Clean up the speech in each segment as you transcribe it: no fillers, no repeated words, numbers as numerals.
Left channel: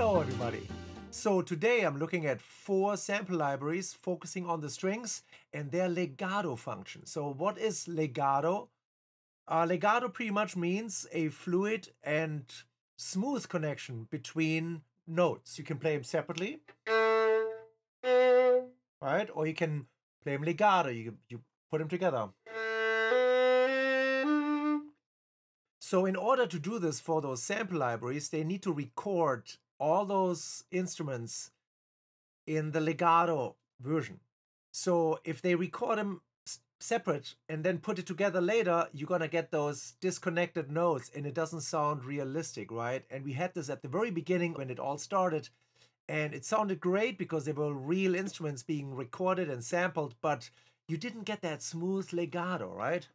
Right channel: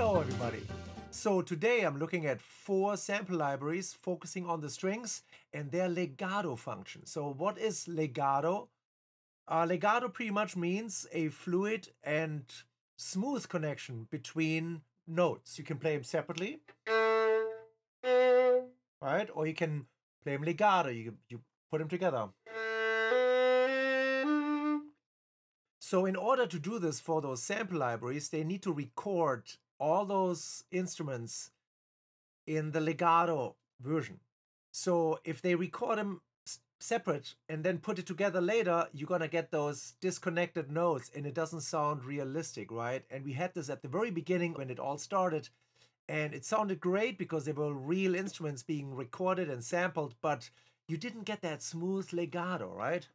Hello everybody! So today I'm looking at 4 sample libraries focusing on the strings and their legato function. So what is legato? Legato pretty much means a fluid and smooth connection between notes. You can play them separately, right? Or you can play them legato, you put them together. So in order to do this for those sample libraries, they need to record all those instruments in the legato version. So if they record them separate and then put it together later, you're gonna get those disconnected notes and it doesn't sound realistic, right? And we had this at the very beginning when it all started, and it sounded great because they were real instruments being recorded and sampled, but you didn't get that smooth legato, right?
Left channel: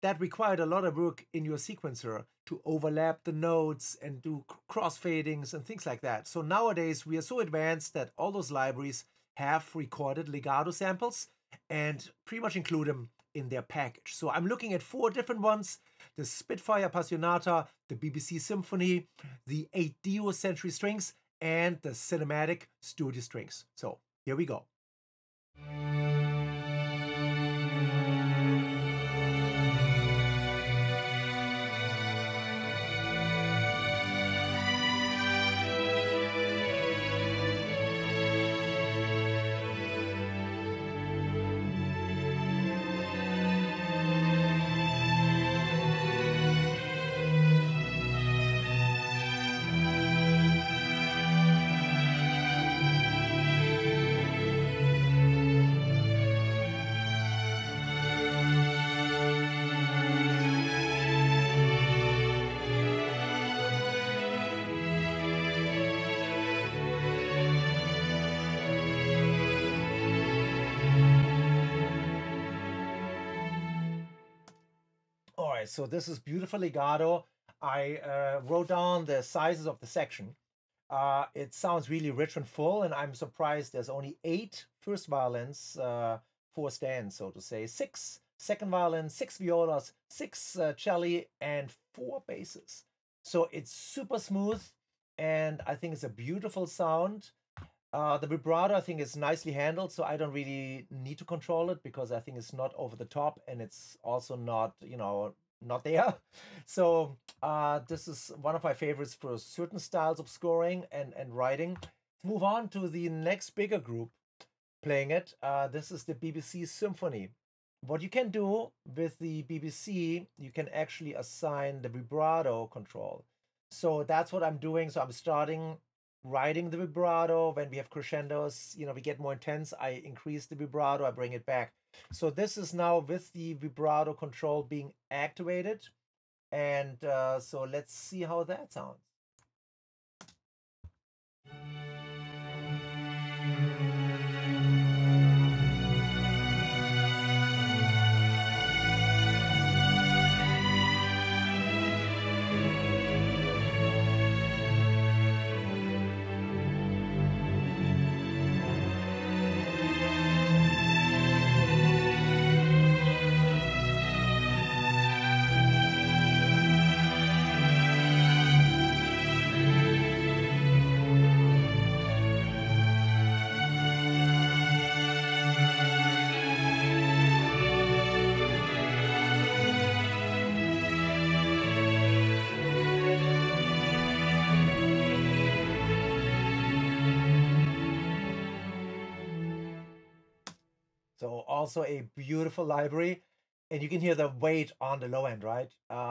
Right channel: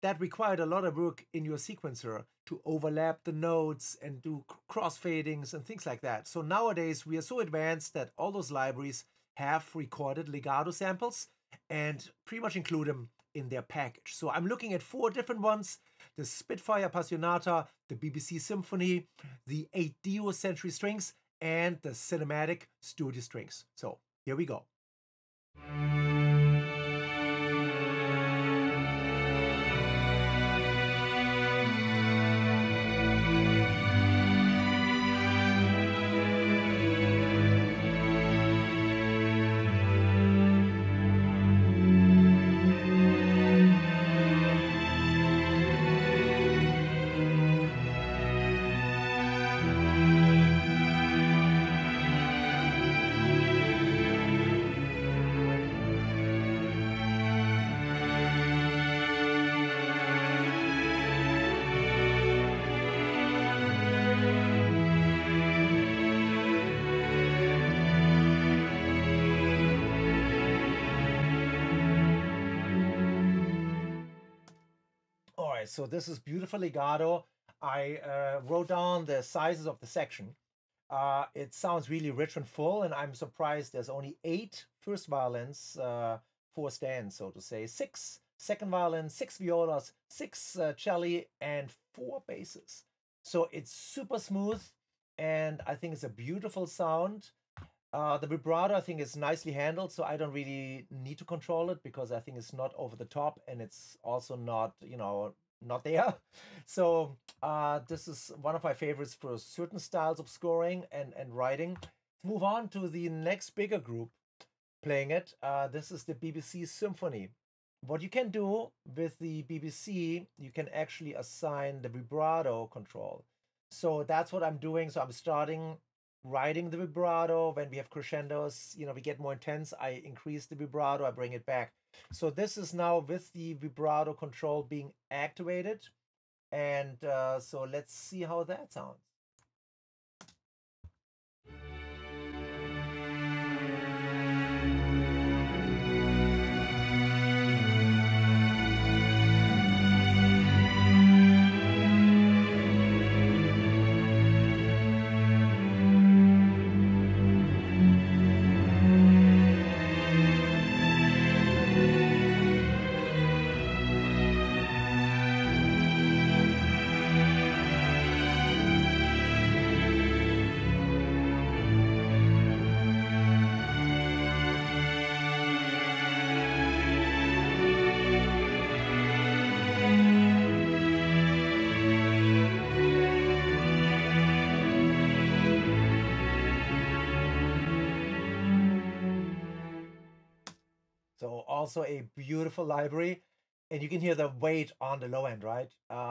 That required a lot of work in your sequencer to overlap the notes and do crossfadings and things like that. So nowadays we are so advanced that all those libraries have recorded legato samples and pretty much include them in their package. So I'm looking at 4 different ones: the Spitfire Appasionata, the BBC Symphony, the 8 Dio Century strings, and the Cinematic Studio strings. So here we go. All right, so this is beautiful legato. I wrote down the sizes of the section. It sounds really rich and full, and I'm surprised there's only 8 first violins, 4 stands, so to say, 6 second violins, 6 violas, 6 celli, and 4 basses. So it's super smooth, and I think it's a beautiful sound. The vibrato, I think, is nicely handled, so I don't really need to control it because I think it's not over the top and it's also not, not there. So this is one of my favorites for certain styles of scoring and writing. Move on to the next bigger group playing it. This is the BBC Symphony. What you can do with the BBC, you can actually assign the vibrato control. So that's what I'm doing. So I'm starting writing the vibrato. When we have crescendos, we get more intense, I increase the vibrato, I bring it back. So this is now with the vibrato control being activated. And so let's see how that sounds. So also a beautiful library, and you can hear the weight on the low end, right?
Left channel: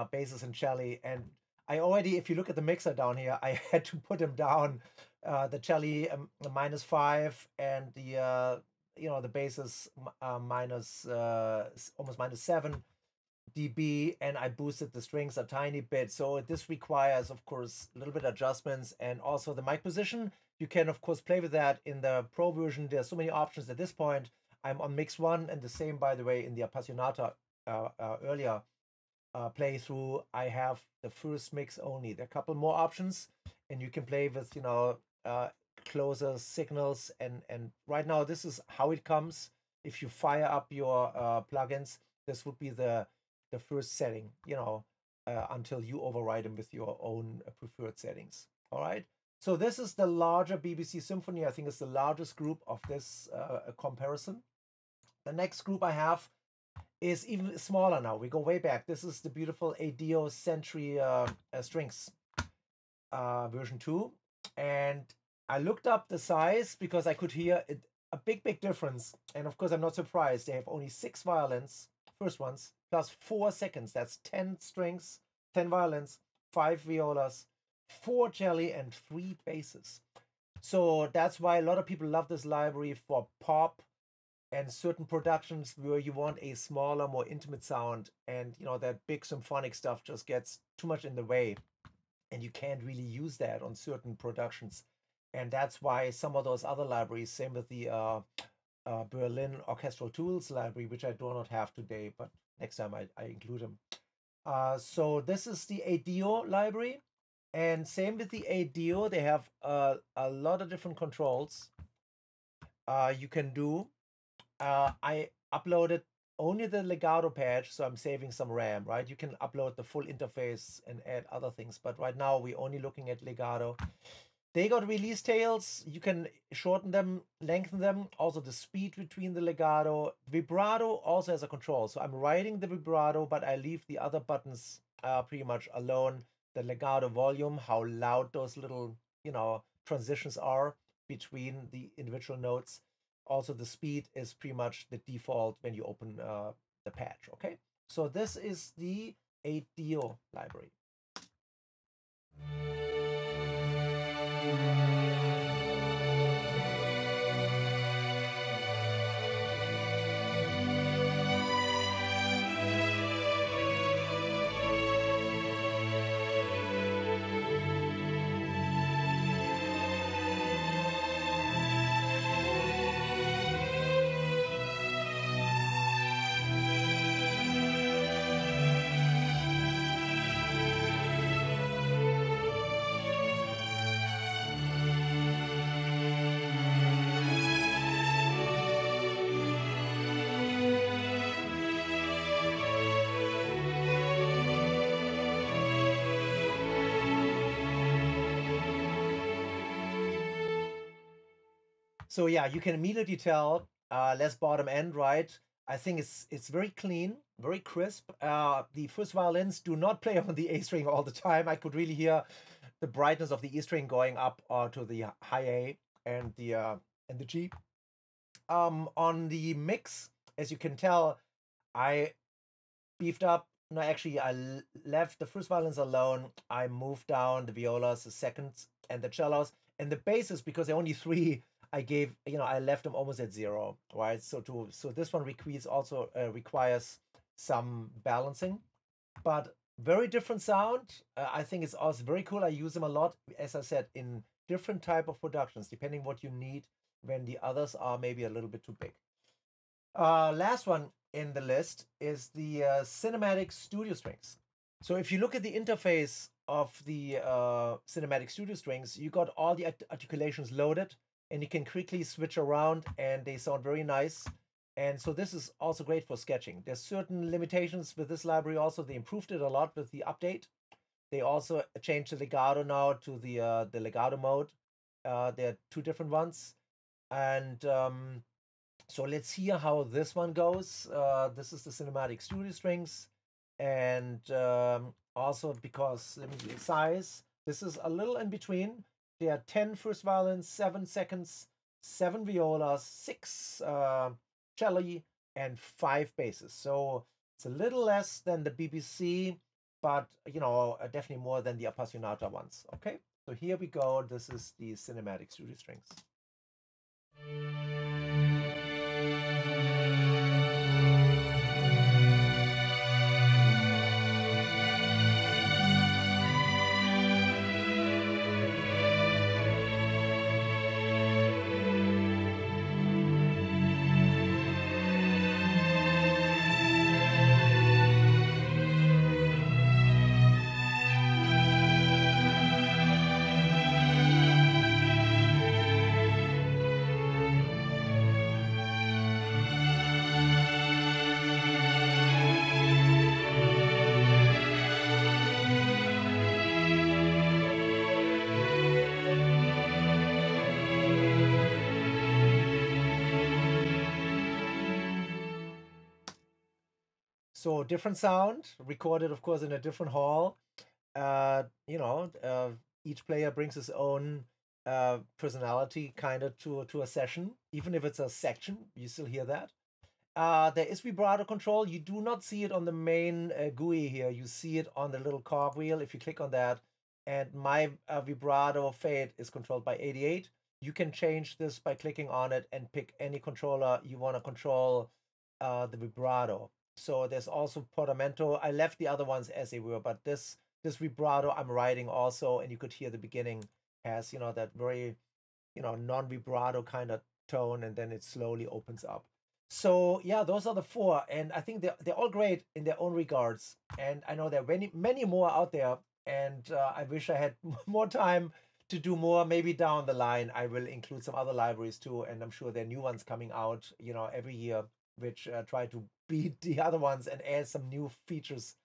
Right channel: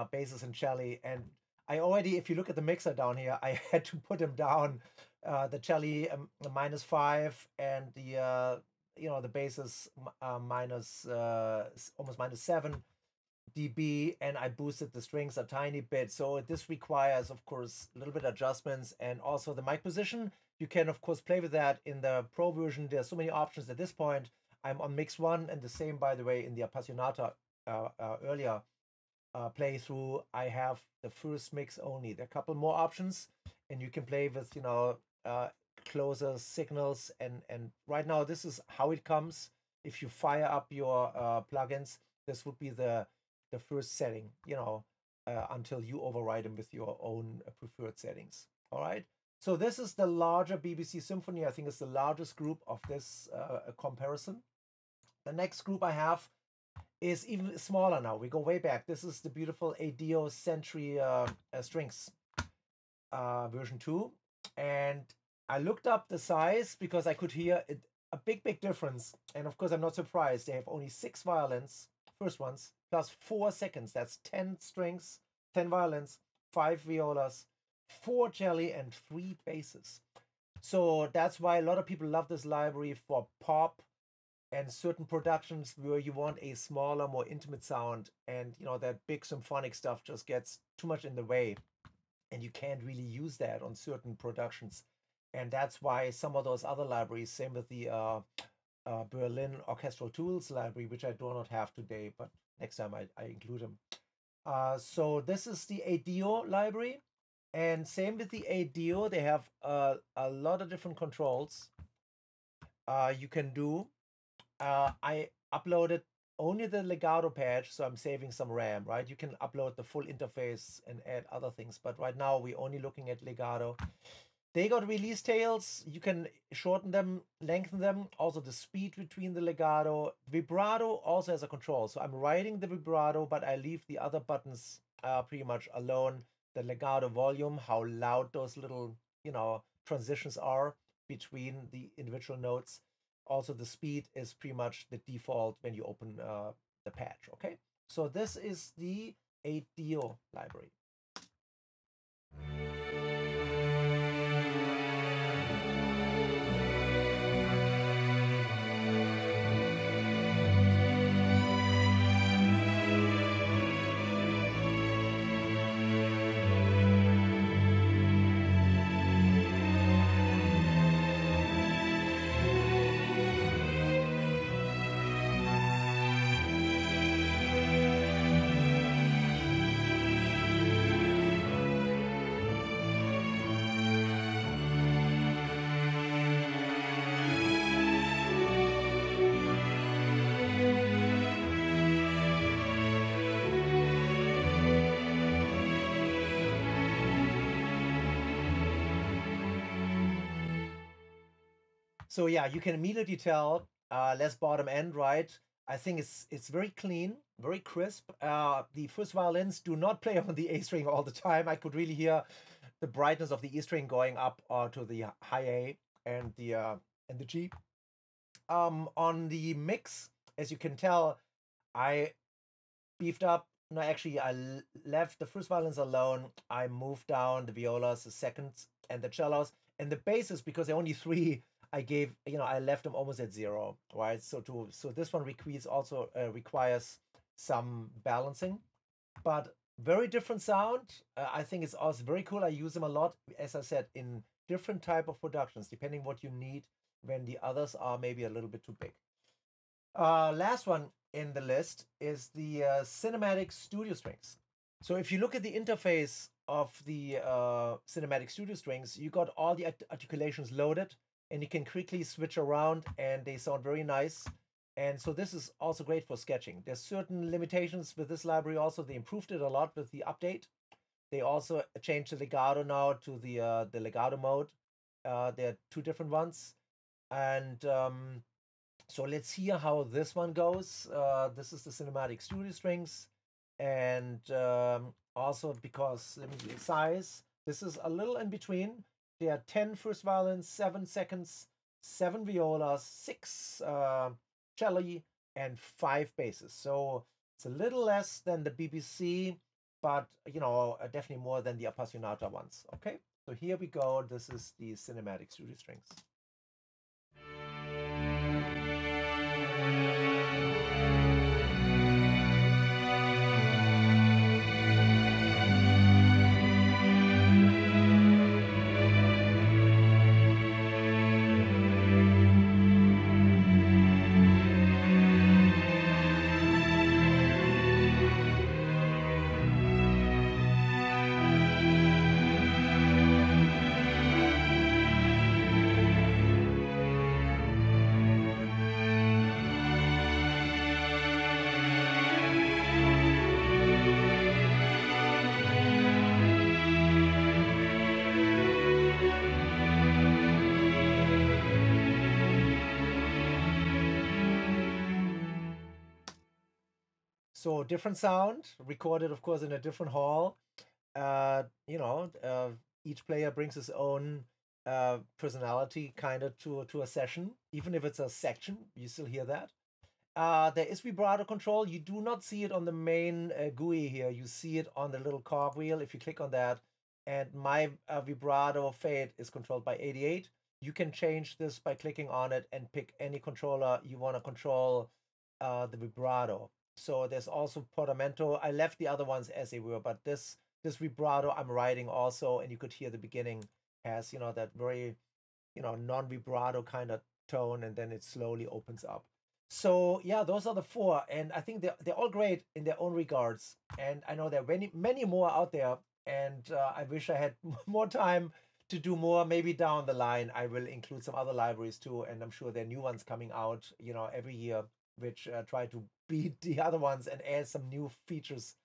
Basses and celli, and I already, if you look at the mixer down here, I had to put them down. The celli -5, and the basses minus almost -7 dB, and I boosted the strings a tiny bit. So this requires, of course, a little bit of adjustments, and also the mic position. You can, of course, play with that in the Pro version. There's so many options at this point. I'm on mix 1, and the same, by the way, in the Appassionata earlier playthrough. I have the first mix only. There are a couple more options, and you can play with, closer signals. And right now, this is how it comes. If you fire up your plugins, this would be the first setting. until you override them with your own preferred settings. All right. So this is the larger BBC Symphony. I think it's the largest group of this comparison. The next group I have is even smaller now. We go way back. This is the beautiful Adagio Century Strings version 2. And I looked up the size because I could hear a big difference. And of course, I'm not surprised. They have only 6 violins, first ones, plus 4 seconds. That's 10 strings, 10 violins, 5 violas, 4 celli, and 3 basses. So that's why a lot of people love this library for pop and certain productions where you want a smaller, more intimate sound, and you know that big symphonic stuff just gets too much in the way, and you can't really use that on certain productions. And that's why some of those other libraries, same with the Berlin Orchestral Tools library, which I do not have today, but next time I include them. So this is the Adagio library, and same with the Adagio, they have a lot of different controls you can do. I uploaded only the legato patch, so I'm saving some RAM, right? You can upload the full interface and add other things, but right now we're only looking at legato. They got release tails. You can shorten them, lengthen them. Also the speed between the legato. Vibrato also has a control. So I'm writing the vibrato, but I leave the other buttons pretty much alone. The legato volume, how loud those little, you know, transitions are between the individual notes. Also, the speed is pretty much the default when you open the patch, okay? So this is the Adagio library. So yeah, you can immediately tell less bottom end, right? I think it's very clean, very crisp. The first violins do not play on the A string all the time. I could really hear the brightness of the E string going up to the high A and the G. On the mix, as you can tell, I beefed up. No, actually, I left the first violins alone. I moved down the violas, the second, and the cellos, and the basses, because there are only 3. I gave, you know, I left them almost at 0, right? So this one requires some balancing, but very different sound. I think it's also very cool. I use them a lot, as I said, in different type of productions, depending what you need when the others are maybe a little bit too big. Last one in the list is the Cinematic Studio Strings. So if you look at the interface of the Cinematic Studio Strings, you got all the articulations loaded, and you can quickly switch around, and they sound very nice. And so this is also great for sketching. There's certain limitations with this library also. They improved it a lot with the update. They also changed the legato now to the legato mode. There are 2 different ones. And so let's hear how this one goes. This is the Cinematic Studio Strings. And also because, let me see the size. This is a little in between. There are 10 first violins, 7 seconds, 7 violas, 6 celli, and 5 basses. So it's a little less than the BBC, but you know, definitely more than the Appassionata ones. Okay, so here we go. This is the Cinematic Studio Strings. So different sound, recorded, of course, in a different hall. You know, each player brings his own personality kind of to a session, even if it's a section, you still hear that. There is vibrato control. You do not see it on the main GUI here. You see it on the little cogwheel if you click on that. And my vibrato fade is controlled by 88. You can change this by clicking on it and pick any controller you want to control the vibrato. So there's also portamento. I left the other ones as they were, but this vibrato I'm writing also, and you could hear the beginning has, you know, that very, you know, non-vibrato kind of tone, and then it slowly opens up. So yeah, those are the four, and I think they're all great in their own regards. And I know there are many more out there, and I wish I had more time to do more. Maybe down the line I will include some other libraries too, and I'm sure there are new ones coming out, you know, every year, which try to beat the other ones and add some new features.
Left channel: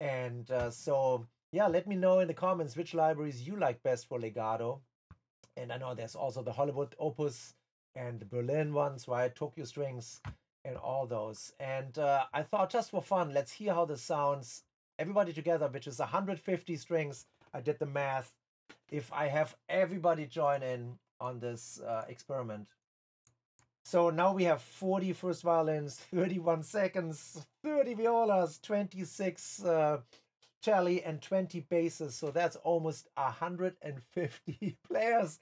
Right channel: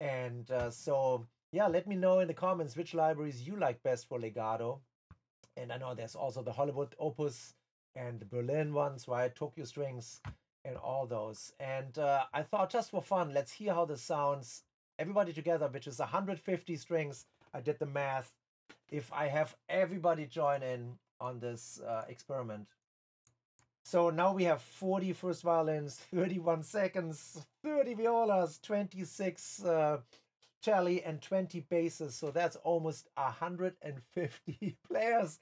And so yeah, let me know in the comments which libraries you like best for legato. And I know there's also the Hollywood Opus and the Berlin ones, right? Tokyo Strings and all those. And I thought, just for fun, let's hear how this sounds. Everybody together, which is 150 strings. I did the math. If I have everybody join in on this experiment. So now we have 40 first violins, 31 seconds, 30 violas, 26 celli, and 20 basses. So that's almost 150 players.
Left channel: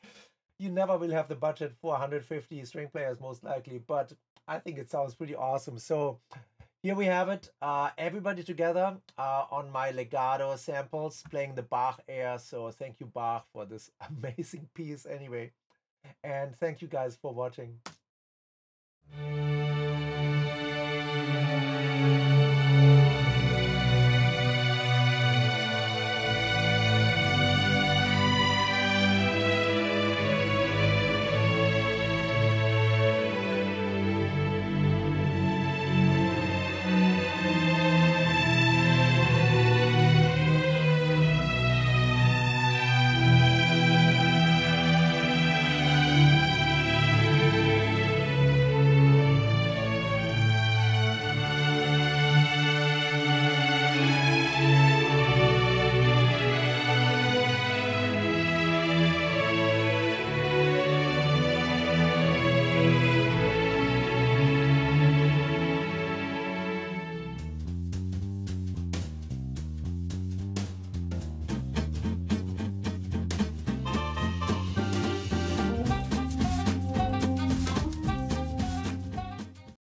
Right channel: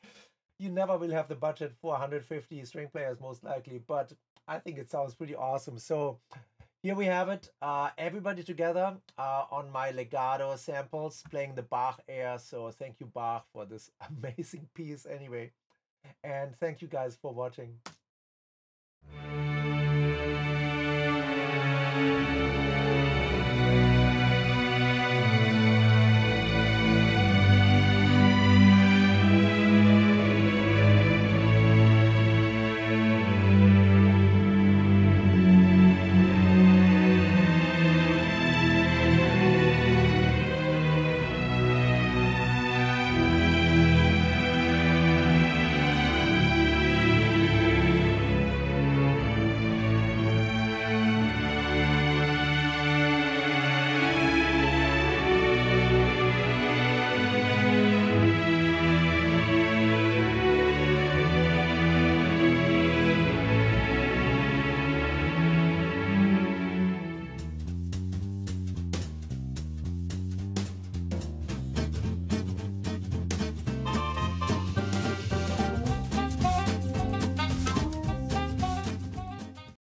You never will have the budget for 150 string players, most likely, but I think it sounds pretty awesome. So here we have it. Everybody together on my legato samples playing the Bach air. So thank you, Bach, for this amazing piece anyway. And thank you guys for watching.